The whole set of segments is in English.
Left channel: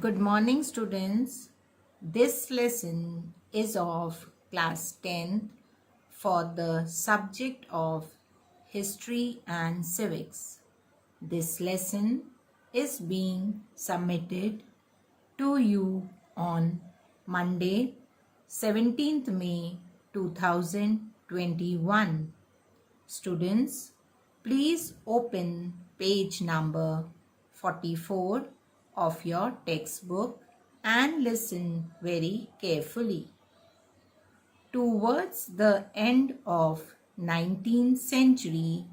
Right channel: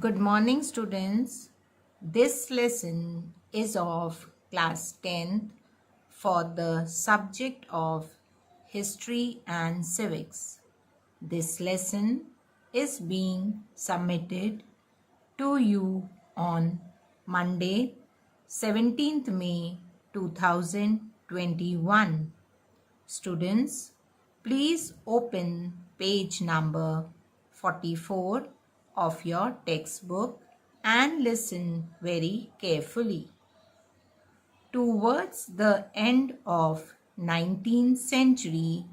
Good morning, students. This lesson is of class 10th for the subject of History and Civics. This lesson is being submitted to you on Monday, 17th May 2021. Students, please open page number 44 of your textbook and listen very carefully. Towards the end of 19th century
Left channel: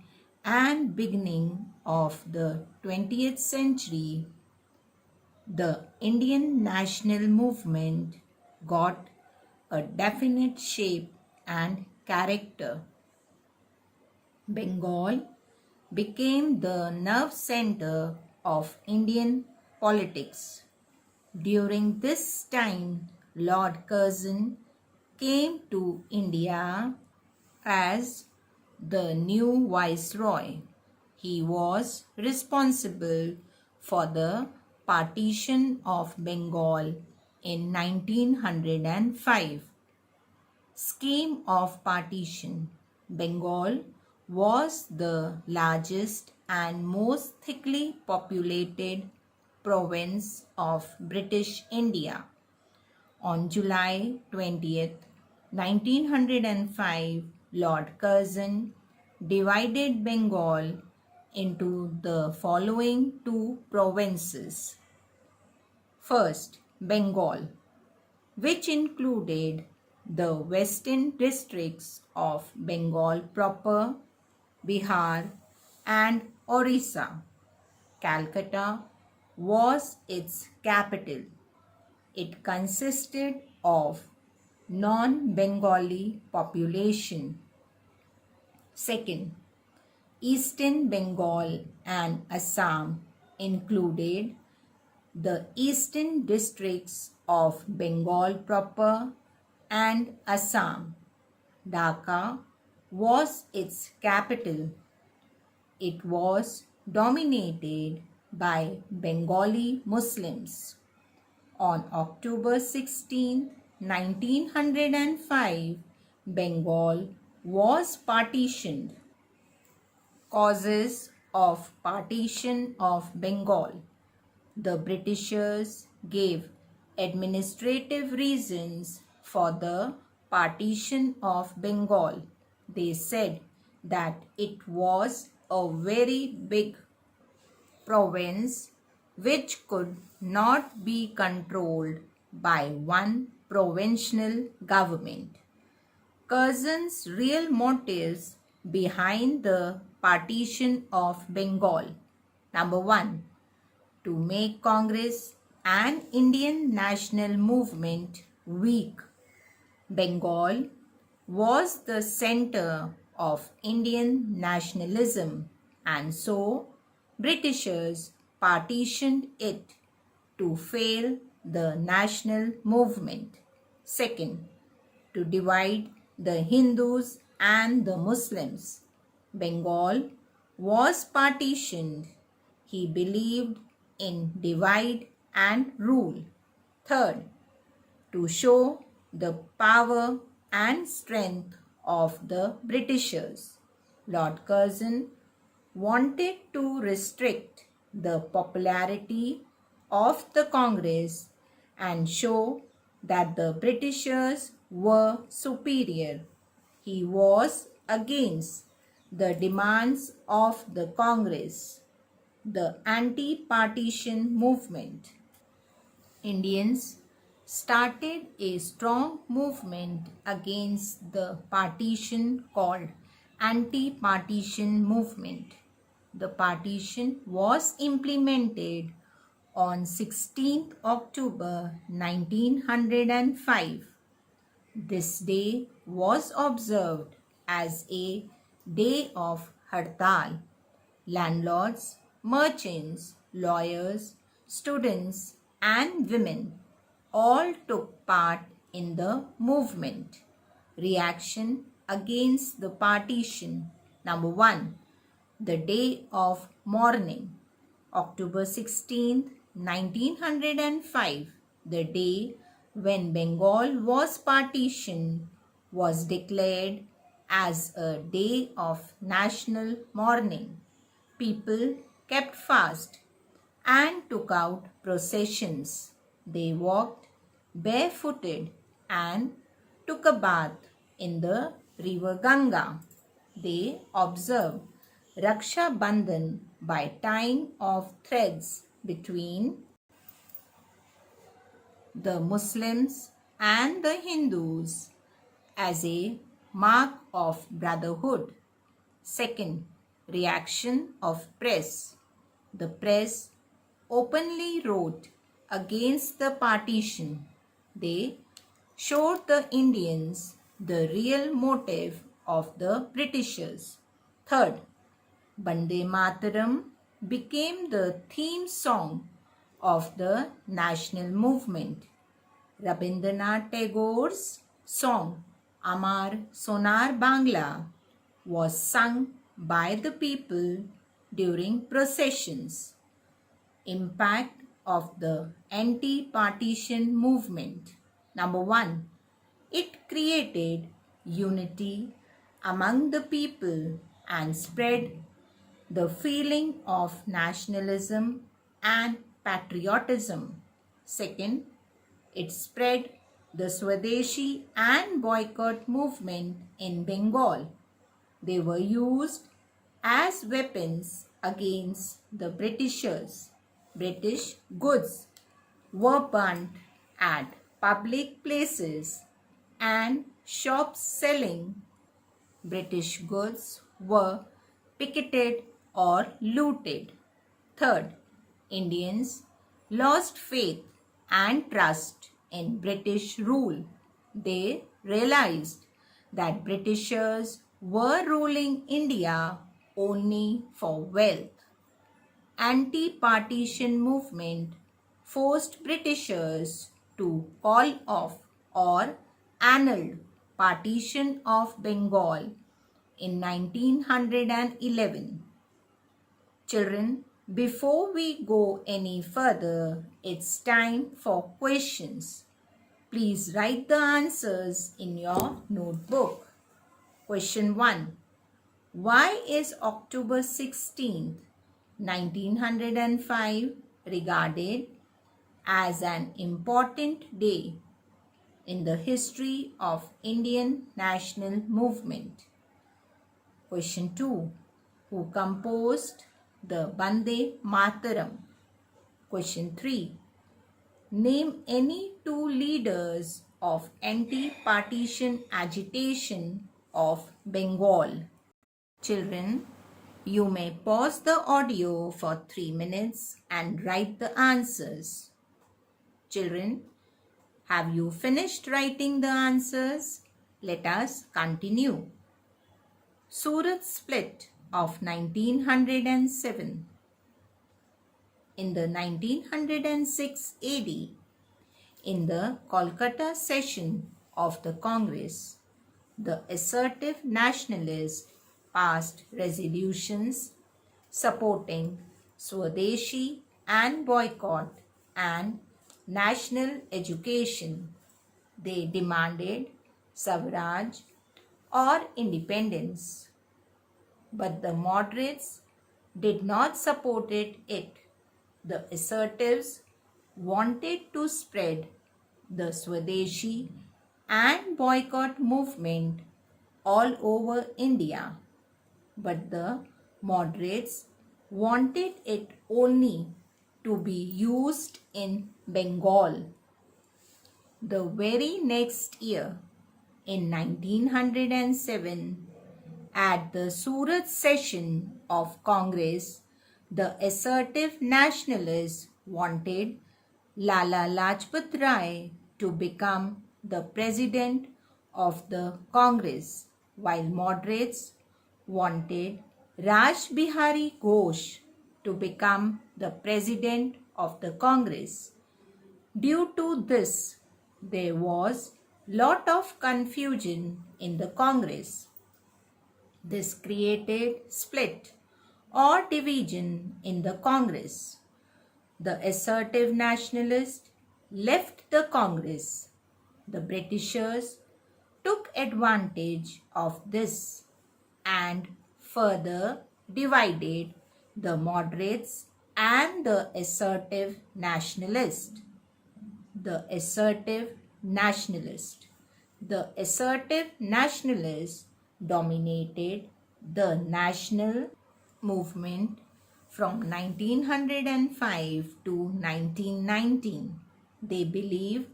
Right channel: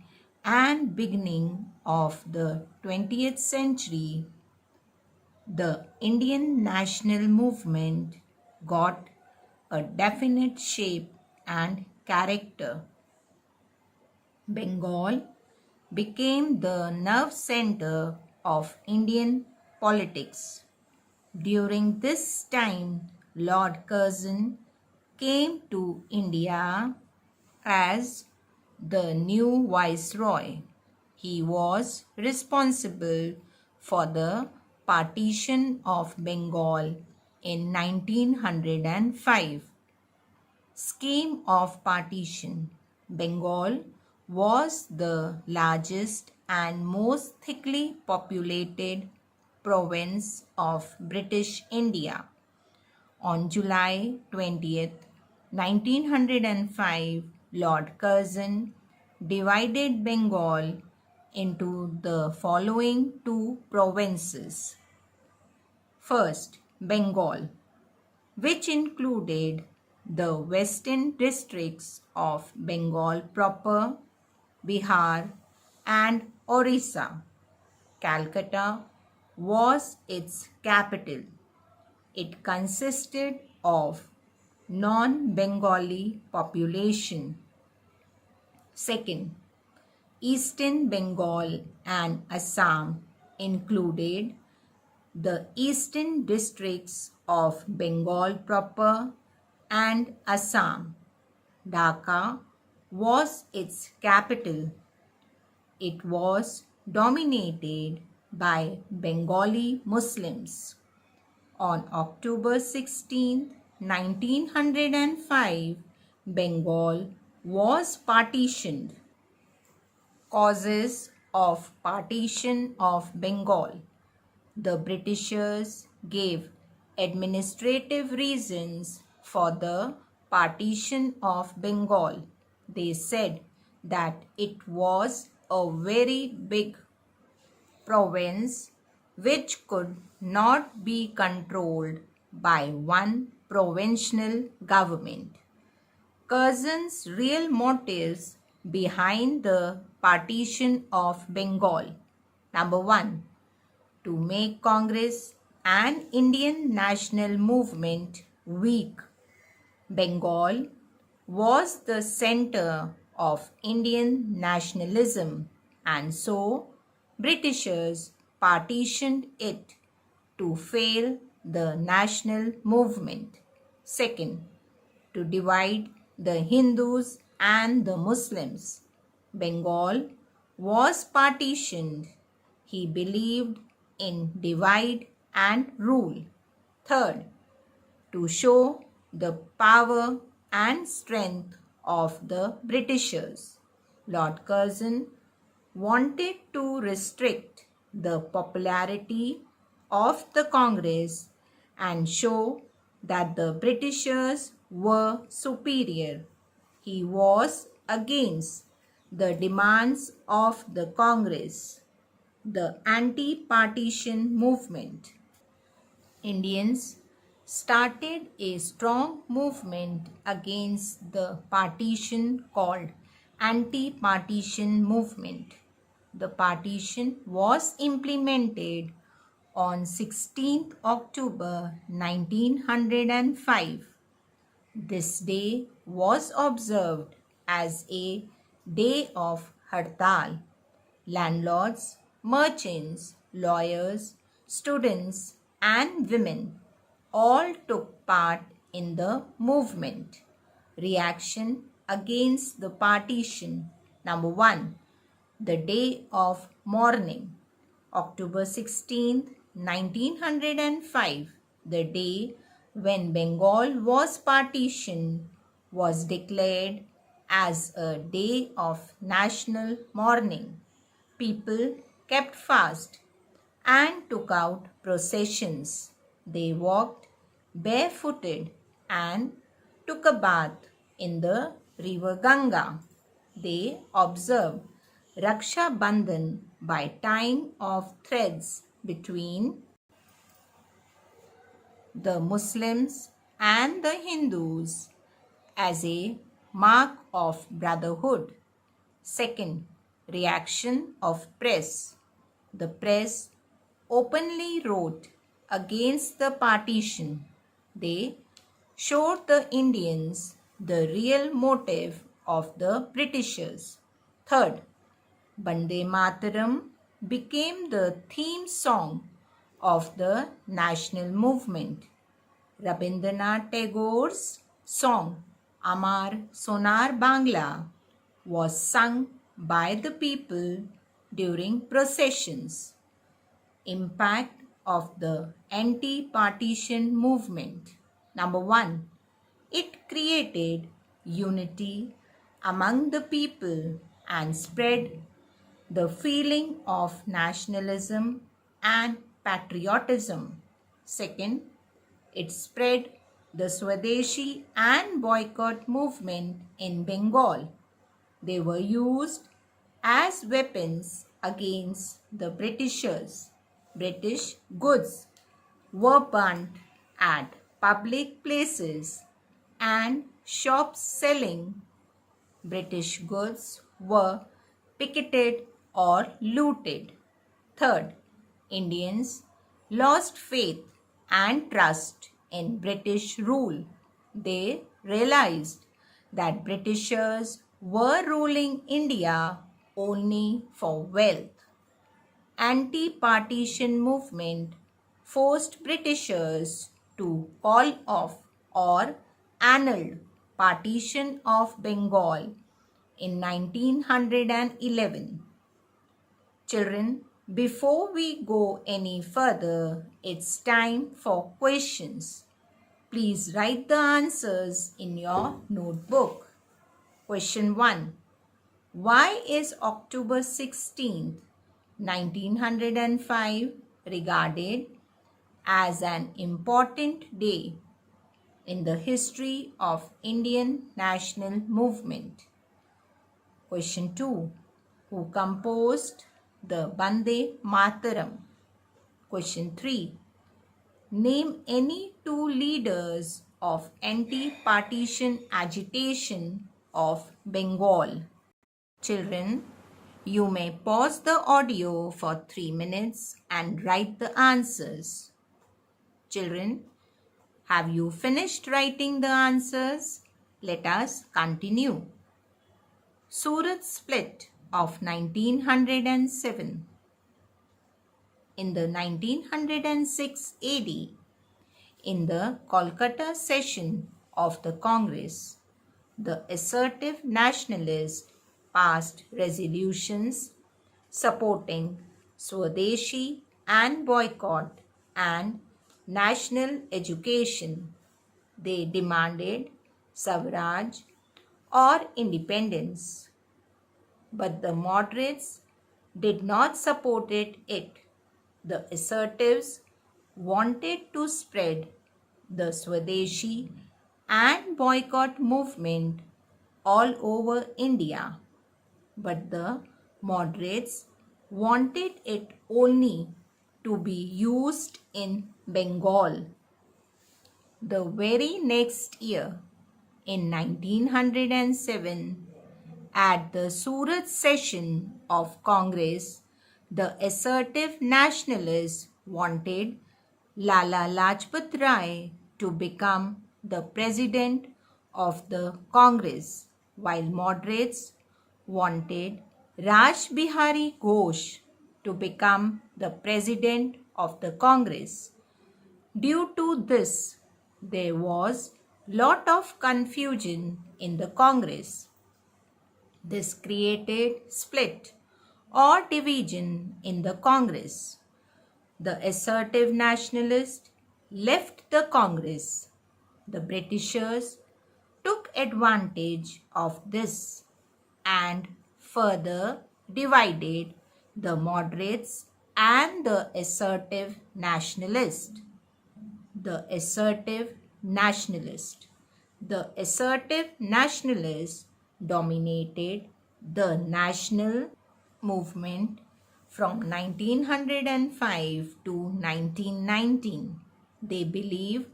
and beginning of the 20th century, the Indian national movement got a definite shape and character. Bengal became the nerve center of Indian politics. During this time, Lord Curzon came to India as the new viceroy. He was responsible for the partition of Bengal in 1905. Scheme of partition. Bengal was the largest and most thickly populated province of British India. On July 20th, 1905, Lord Curzon divided Bengal into the following two provinces. First, Bengal, which included the western districts of Bengal proper, Bihar, and Orissa. Calcutta was its capital. It consisted of non-Bengali population. Second, Eastern Bengal and Assam included the eastern districts of Bengal proper and Assam. Dhaka was its capital. It was dominated by Bengali Muslims. On October 16, 1905, Bengal was partitioned. Causes of partition of Bengal. The Britishers gave administrative reasons for the partition of Bengal. They said that it was a very big province which could not be controlled by one provincial government. Curzon's real motives behind the partition of Bengal. Number 1. To make Congress and Indian national movement weak. Bengal was the center of Indian nationalism, and so Britishers partitioned it to fail the national movement. Second, to divide the Hindus and the Muslims. Bengal was partitioned. He believed in divide and rule. Third, to show the power and strength of the Britishers. Lord Curzon wanted to restrict the popularity of the Congress and show that the Britishers were superior. He was against the demands of the Congress. The anti-partition movement. Indians started a strong movement against the partition called anti-partition movement. The partition was implemented on 16th October 1905. This day was observed as a day of Hartal. Landlords, merchants, lawyers, students, and women all took part in the movement. Reaction against the partition. Number 1. The day of mourning. October 16th, 1905, the day when Bengal was partitioned, was declared as a day of national mourning. People kept fast and took out processions. They walked barefooted and took a bath in the river Ganga. They observed Raksha Bandhan by tying of threads between the Muslims and the Hindus as a mark of brotherhood. Second, reaction of press. The press openly wrote against the partition. They showed the Indians the real motive of the Britishers. Third, Bande Mataram became the theme song of the national movement. Rabindranath Tagore's song Amar Sonar Bangla was sung by the people during processions. Impact of the anti-partition movement. Number 1. It created unity among the people and spread the feeling of nationalism and patriotism. Second, it spread the Swadeshi and boycott movement in Bengal. They were used as weapons against the Britishers. British goods were burnt at public places and shops selling British goods were picketed or looted. Third, Indians lost faith and trust in British rule. They realized that Britishers were ruling India only for wealth. Anti-partition movement forced Britishers to call off or annulled partition of Bengal in 1911. Children, before we go any further, it's time for questions. Please write the answers in your notebook. Question 1. Why is October 16th, 1905 regarded as an important day in the history of Indian national movement? Question 2. Who composed the Bande Mataram? Question 3. Name any two leaders of anti-partition agitation of Bengal. Children, you may pause the audio for 3 minutes and write the answers. Children, have you finished writing the answers? Let us continue. Surat split of 1907. In the 1906 AD, in the Kolkata session of the Congress, the assertive nationalists passed resolutions supporting Swadeshi and boycott and national education. They demanded Swaraj or independence, but the moderates did not support it. The assertives wanted to spread the Swadeshi and boycott movement all over India, but the moderates wanted it only to be used in Bengal. The very next year, in 1907, at the Surat session of Congress, the assertive nationalists wanted Lala Lajpat Rai to become the president of the Congress, while moderates wanted Raj Bihari Ghosh to become the president of the Congress. Due to this, there was lot of confusion in the Congress. This created split or division in the Congress. The assertive nationalists left the Congress. The Britishers took advantage of this and further divided the moderates and the assertive nationalists. The assertive nationalist. The assertive nationalists dominated the national movement from 1905 to 1919. They believed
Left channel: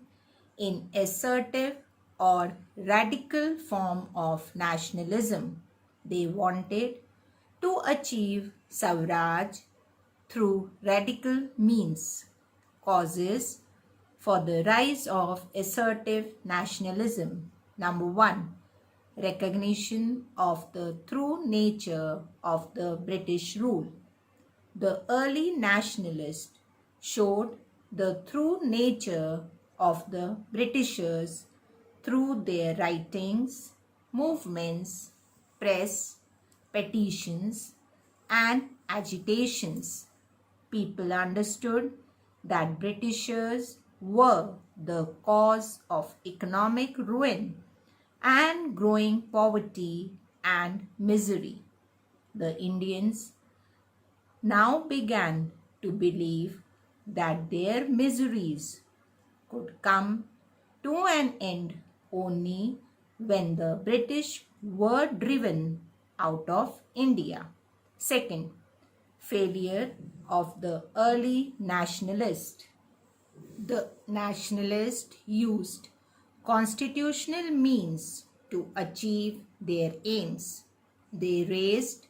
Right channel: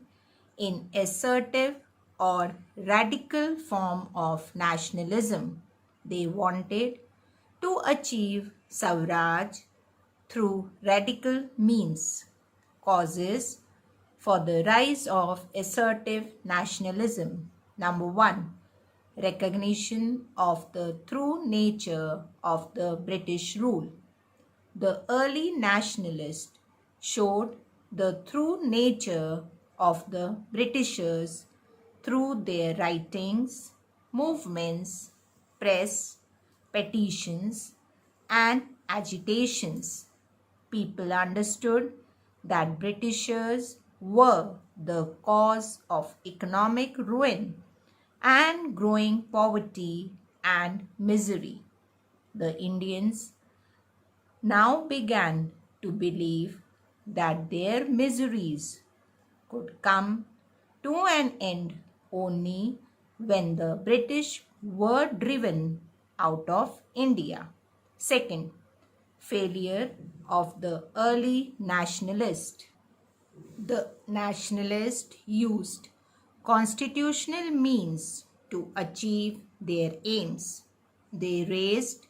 in assertive or radical form of nationalism. They wanted to achieve Swaraj through radical means. Causes for the rise of assertive nationalism. Number 1. Recognition of the true nature of the British rule. The early nationalists showed the true nature of the Britishers through their writings, movements, press, petitions, and agitations. People understood that Britishers were the cause of economic ruin and growing poverty and misery. The Indians now began to believe that their miseries could come to an end only when the British were driven out of India. Second, failure of the early nationalists. The nationalists used constitutional means to achieve their aims. They raised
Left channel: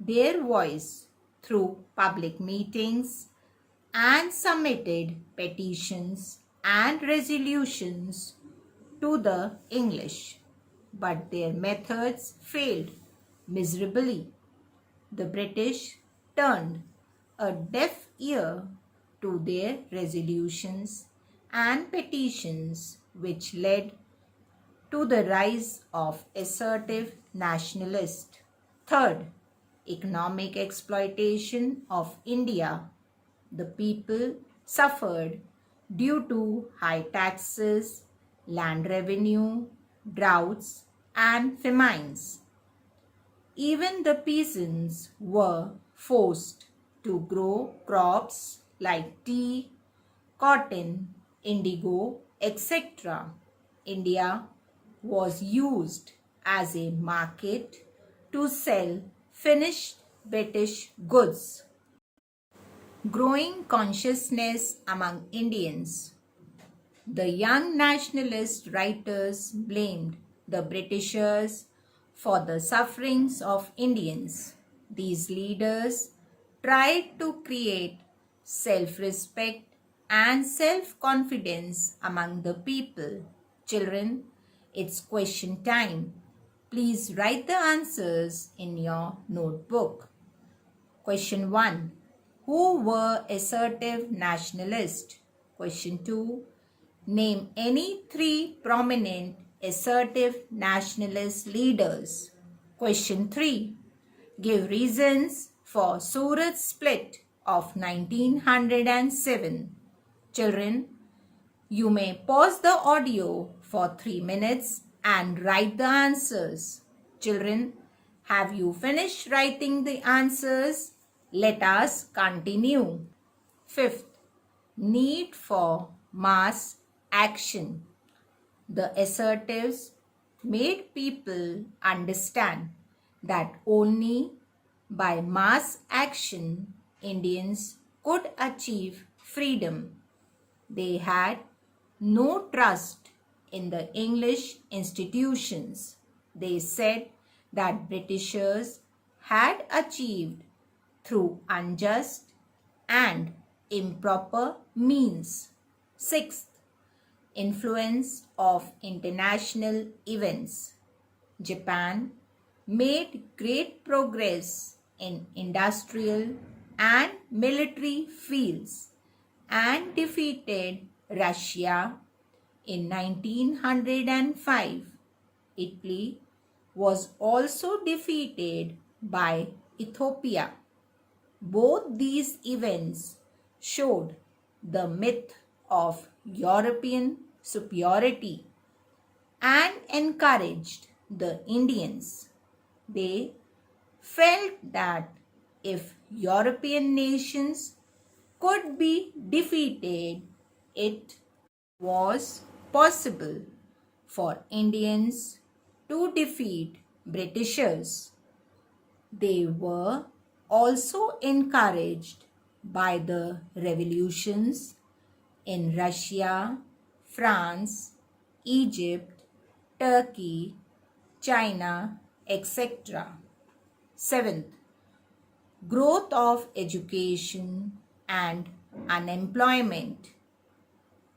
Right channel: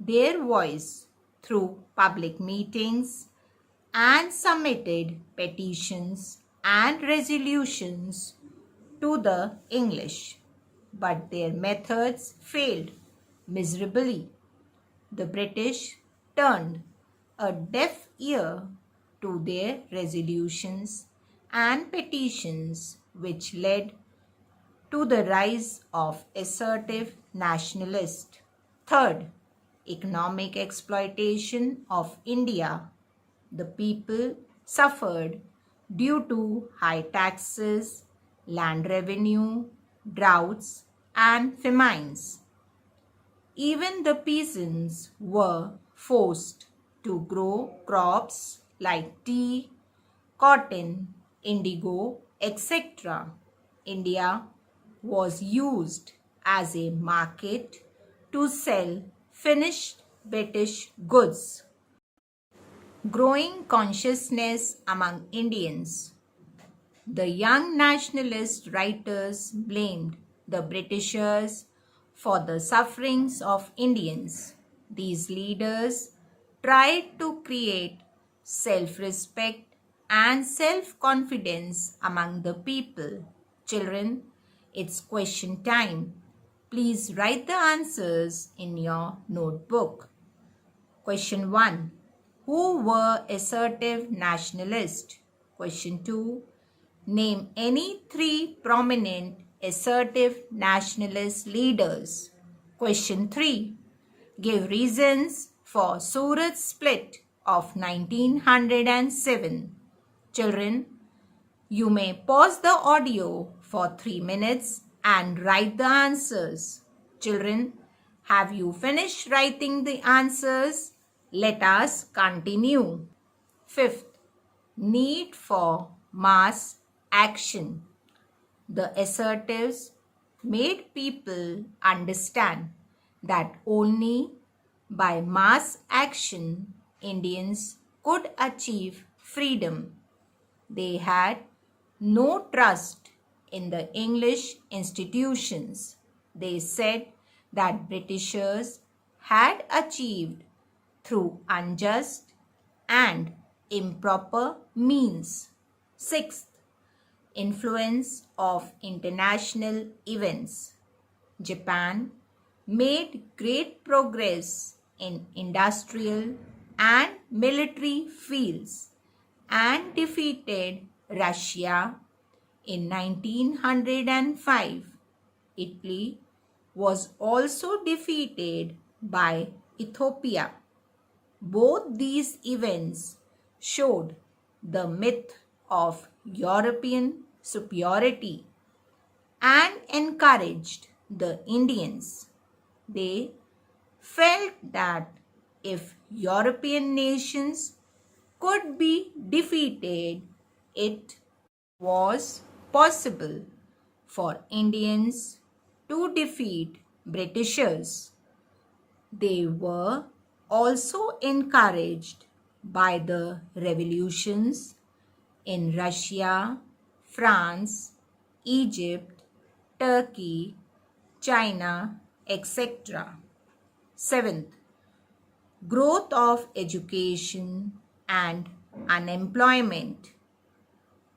their voice through public meetings and submitted petitions and resolutions to the English, but their methods failed miserably. The British turned a deaf ear to their resolutions and petitions, which led to the rise of assertive nationalists. Third, economic exploitation of India. The people suffered due to high taxes, land revenue, droughts, and famines. Even the peasants were forced to grow crops like tea, cotton, indigo, etc. India was used as a market to sell finished British goods. Growing consciousness among Indians. The young nationalist writers blamed the Britishers for the sufferings of Indians. These leaders tried to create self-respect and self-confidence among the people. Children, it's question time. Please write the answers in your notebook. Question 1. Who were assertive nationalists? Question 2. Name any 3 prominent assertive nationalist leaders. Question 3. Give reasons for Surat split of 1907. Children, you may pause the audio for 3 minutes and write the answers. Children, have you finished writing the answers? Let us continue. Fifth, need for mass action. The assertives made people understand that only by mass action Indians could achieve freedom. They had no trust in the English institutions. They said that Britishers had achieved through unjust and improper means. Sixth, influence of international events. Japan made great progress in industrial and military fields and defeated Russia in 1905. Italy was also defeated by Ethiopia. Both these events showed the myth of European superiority and encouraged the Indians. They felt that if European nations could be defeated, it was possible for Indians to defeat Britishers. They were also encouraged by the revolutions in Russia, France, Egypt, Turkey, China, etc. Seventh, growth of education and unemployment.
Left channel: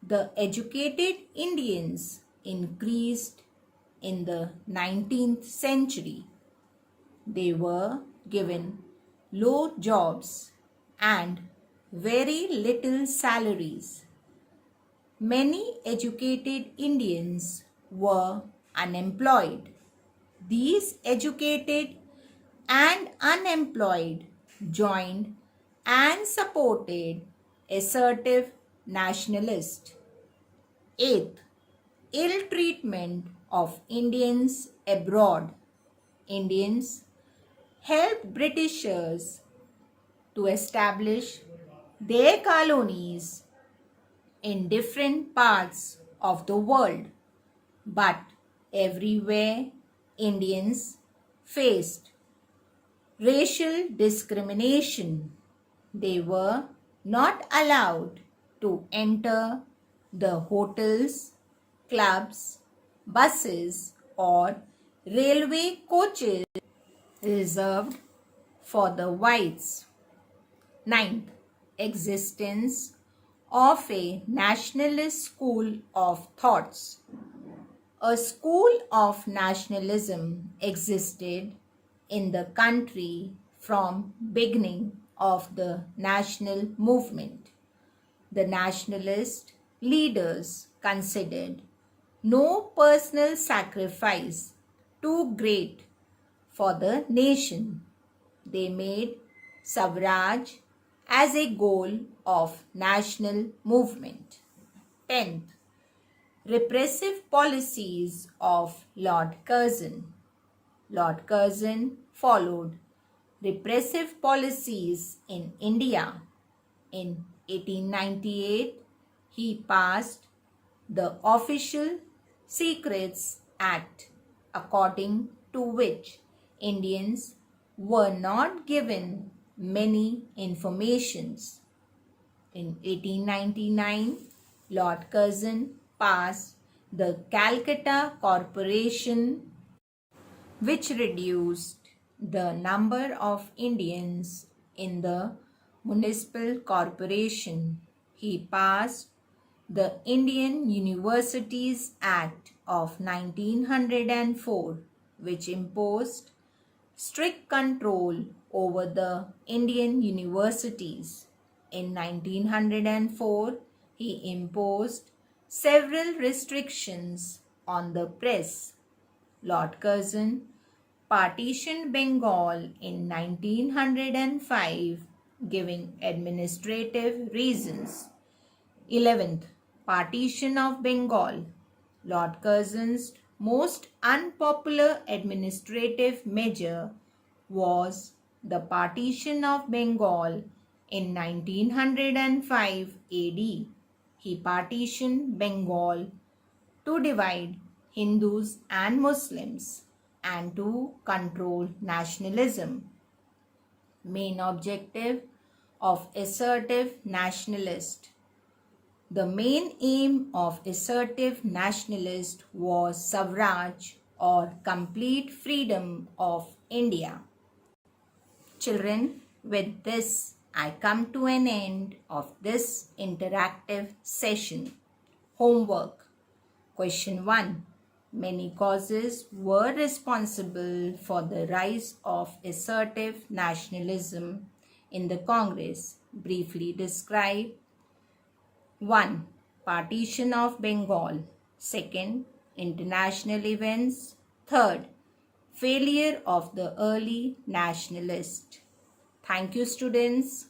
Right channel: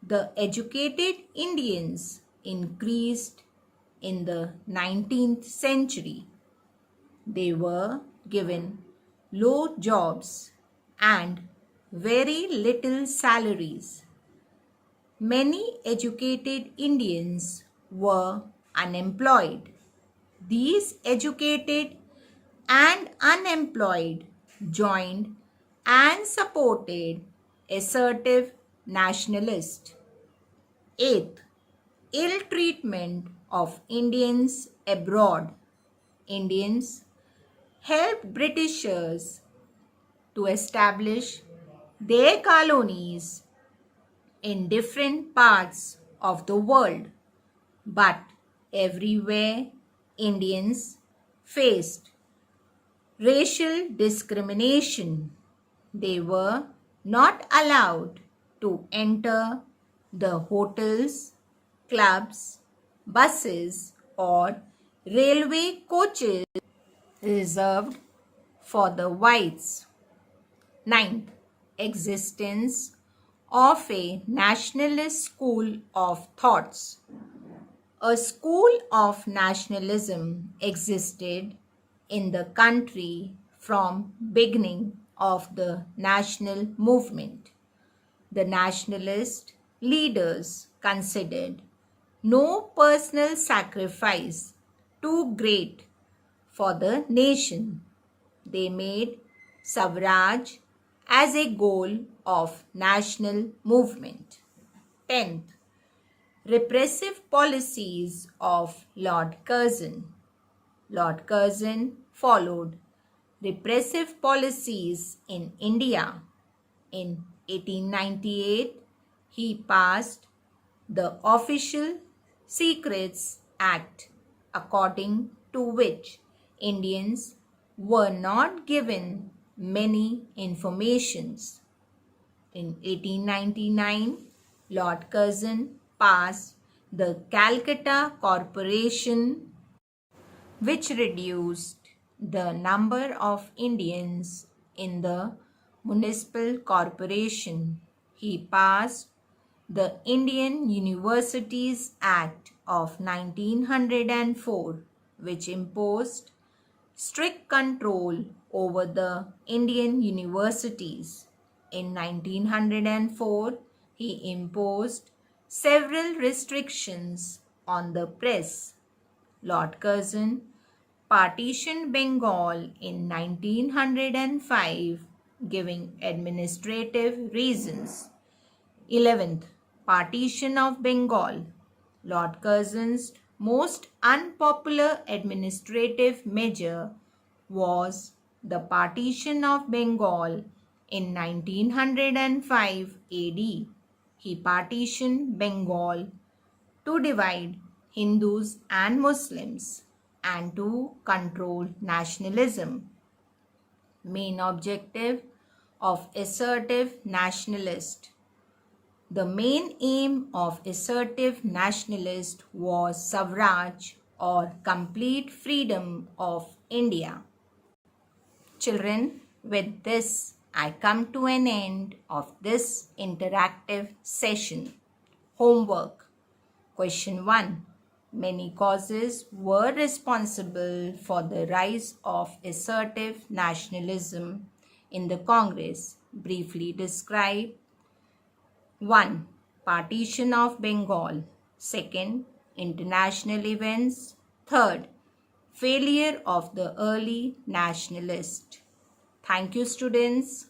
The educated Indians increased in the 19th century. They were given low jobs and very little salaries. Many educated Indians were unemployed. These educated and unemployed joined and supported assertive nationalists. Eighth, ill treatment of Indians abroad. Indians helped Britishers to establish their colonies in different parts of the world, but everywhere Indians faced racial discrimination. They were not allowed to enter the hotels, clubs, buses, or railway coaches reserved for the whites. Ninth, existence of a nationalist school of thoughts. A school of nationalism existed in the country from beginning of the national movement. The nationalist leaders considered no personal sacrifice too great for the nation. They made Swaraj as a goal of national movement. 10th, repressive policies of Lord Curzon. Lord Curzon followed repressive policies in India. In 1898, he passed the Official Secrets Act, according to which Indians were not given many informations. In 1899, Lord Curzon passed the Calcutta Corporation, which reduced the number of Indians in the municipal corporation. He passed the Indian Universities Act of 1904, which imposed strict control over the Indian universities. In 1904, he imposed several restrictions on the press. Lord Curzon partitioned Bengal in 1905, giving administrative reasons. 11th, partition of Bengal. Lord Curzon's most unpopular administrative measure was the partition of Bengal in 1905 AD. He partitioned Bengal to divide Hindus and Muslims and to control nationalism. Main objective of assertive nationalist. The main aim of assertive nationalist was Swaraj, or complete freedom of India. Children, with this I come to an end of this interactive session. Homework. Question 1. Many causes were responsible for the rise of assertive nationalism in the Congress. Briefly describe. 1. Partition of Bengal. 2nd. International events. 3rd. Failure of the early nationalists. Thank you, students.